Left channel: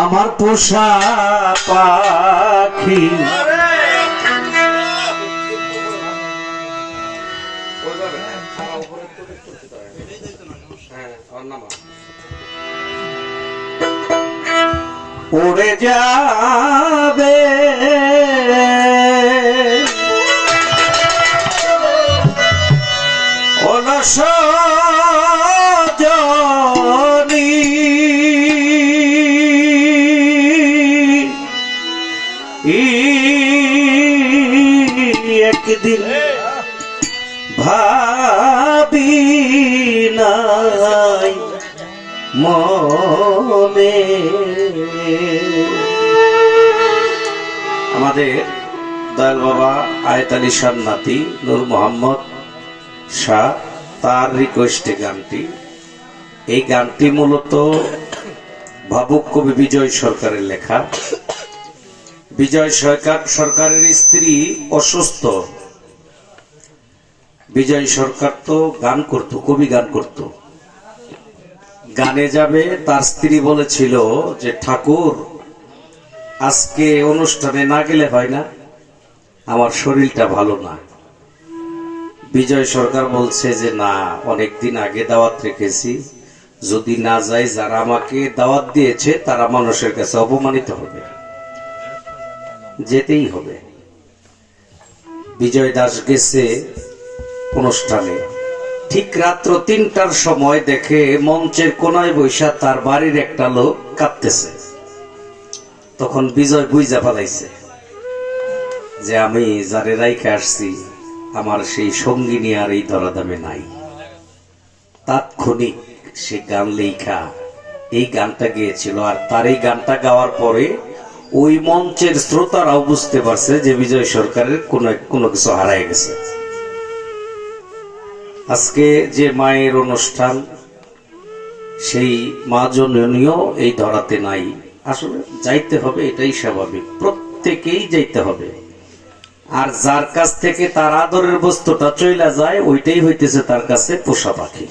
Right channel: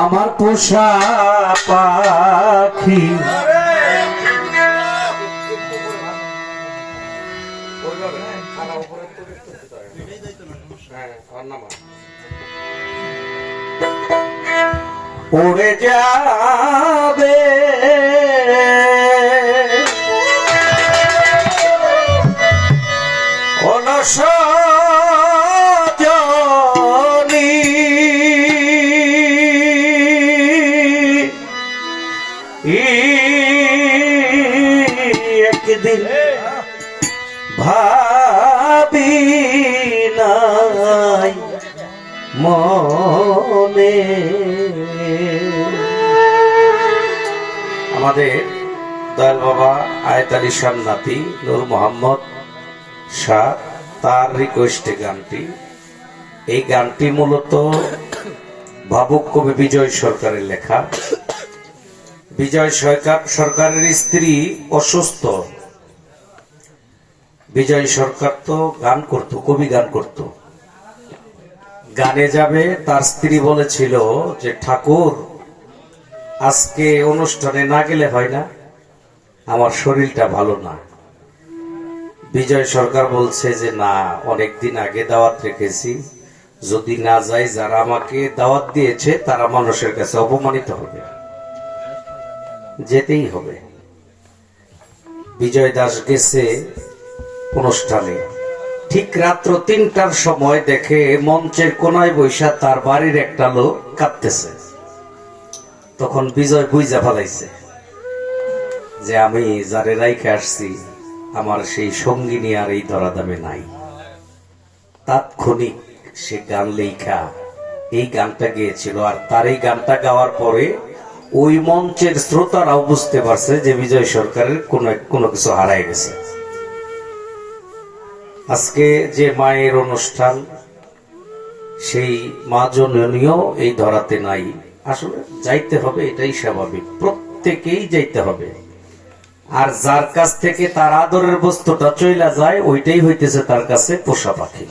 আমার পোষা পাখি। উড়ে যাবে আমাদের দয়াল বাবা আয়ত আলী শাহ নাতি নূর মোহাম্মদ শাহ, তার রিকোয়েস্টে গানটি। এই গানটি মূলত ভাবুক কবি বিজয় সরকারের লেখা। বিজয় সরকার সরকারের স্ত্রী অসুস্থ। বিজয় সরকার তো গান করত, কবি গান করত। গানে যাবে, তার স্ত্রী বলেছিল যে, ঠাকুর, আজকে অনুষ্ঠানে না গেলে হয় না, আমার শরীরটা ভালো না। বিজয় সরকার বলছে যে, না, অনেকদিন আগে দাওয়াত রেখেছি। যদি না যাই, যারা আমাকে দাওয়াত দিয়েছে, তারা মানুষের কাছে অপমানিত হবে। যেতেই হবে। বিজয় দাস গেছে অনুষ্ঠানে। ঠিক রাত্র তিনটার সময় দেখে মঞ্চের কোনায় বৈশা তার বাড়ির একটা লোক কাঁদতেছে। তখন বিজয় বুঝা ফেলাইছে যে আমি যারে রাইখে আসছি, আমার সেই সঙ্গিনী আর এই ধরাদামে নাই। তাৎক্ষণিক সে গান লেখা এই গানটা গেয়েছিল আর তার এই গানটা গাওয়ার পরে ওই মঞ্চের শ্রোতারাও বুঝতে পারছে যে বিজয় সরকারের কোনো কোনো কিছু হারায় গেছে। আজকে যে মায়ের অনুষ্ঠান, সেই মা জননীয় এই ধরাতে নাই। আসলে যাইতে হবে, এটাই স্বাভাবিক। প্রত্যেকেই যাইতে হবে। আর যার কাছ থেকে তার আদরের বস্তুটা চইলা যায়, ওইটাই হইতেছে তার কাছে পোষা পাখি।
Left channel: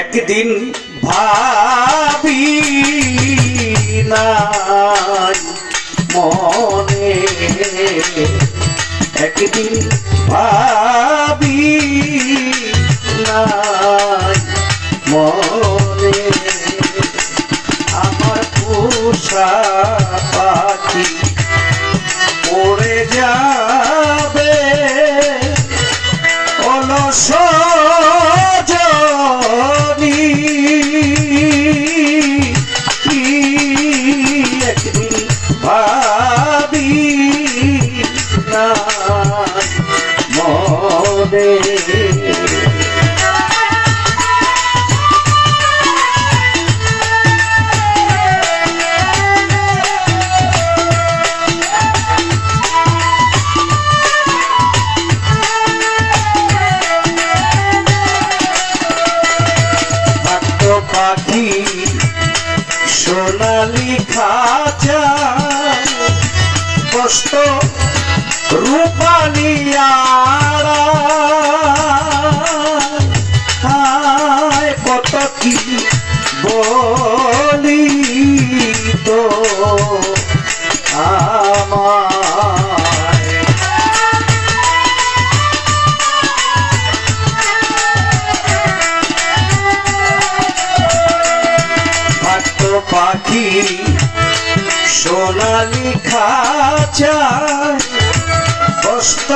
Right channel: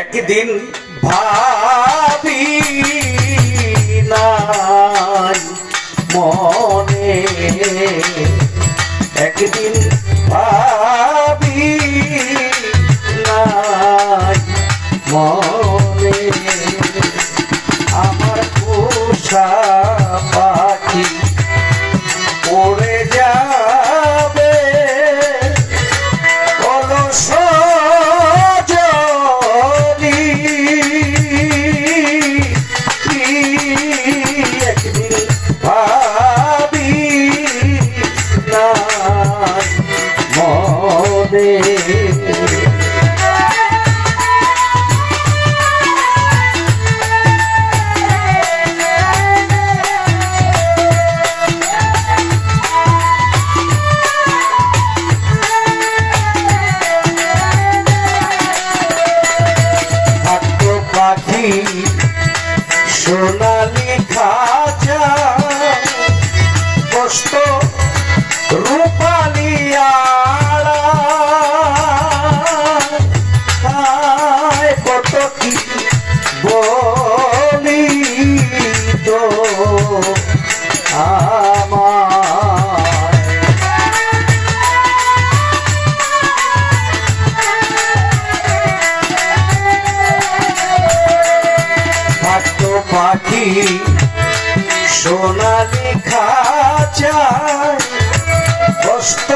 একদিন ভাবি মনে, একদিন ভাবি নাই। হায় কত কি বলি তো পাখি সোনালি খাঁচায় বস্ত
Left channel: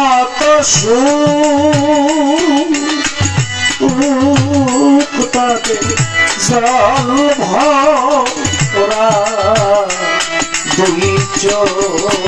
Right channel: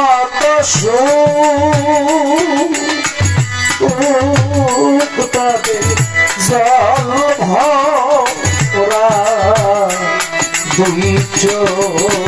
আমার মতো জল ভরা দুই চোখ।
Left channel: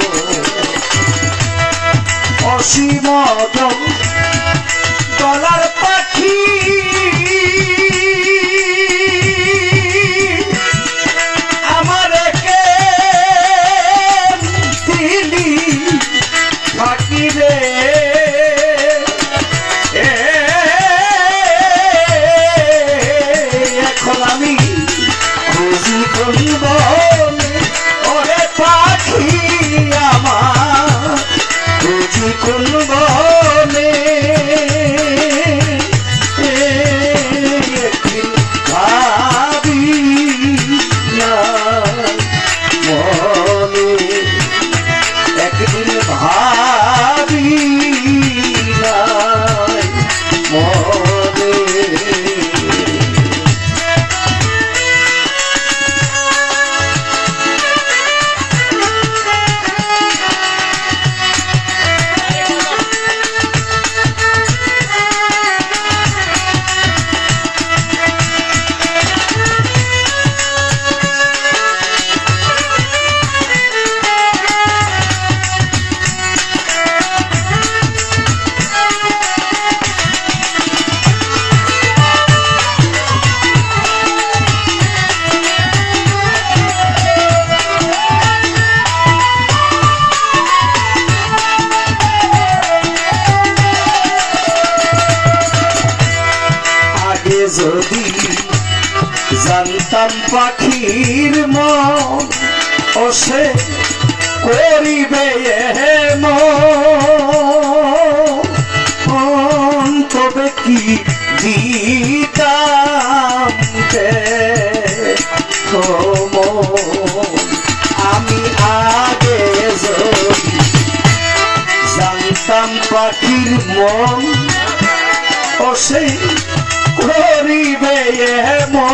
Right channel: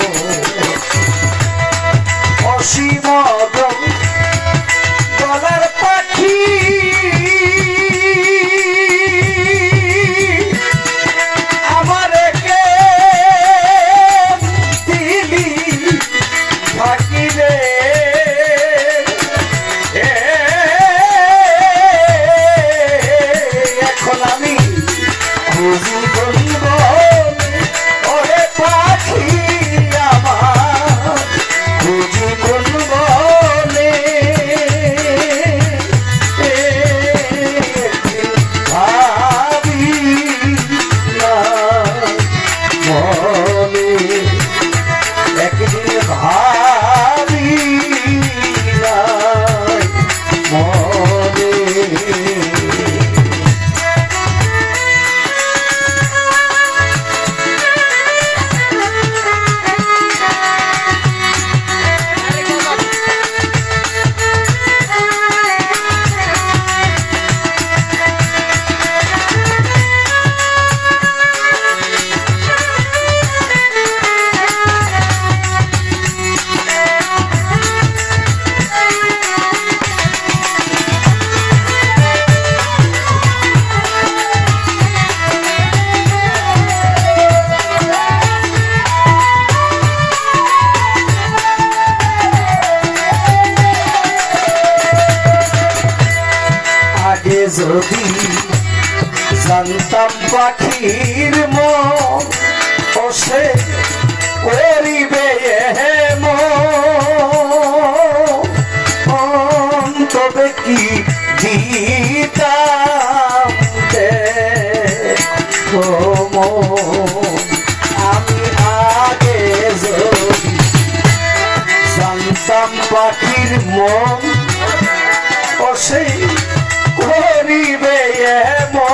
জানতাম পাখির মন করিবে মন। কি আমি আগে জানতাম পাখির মন অসে গরিবে মো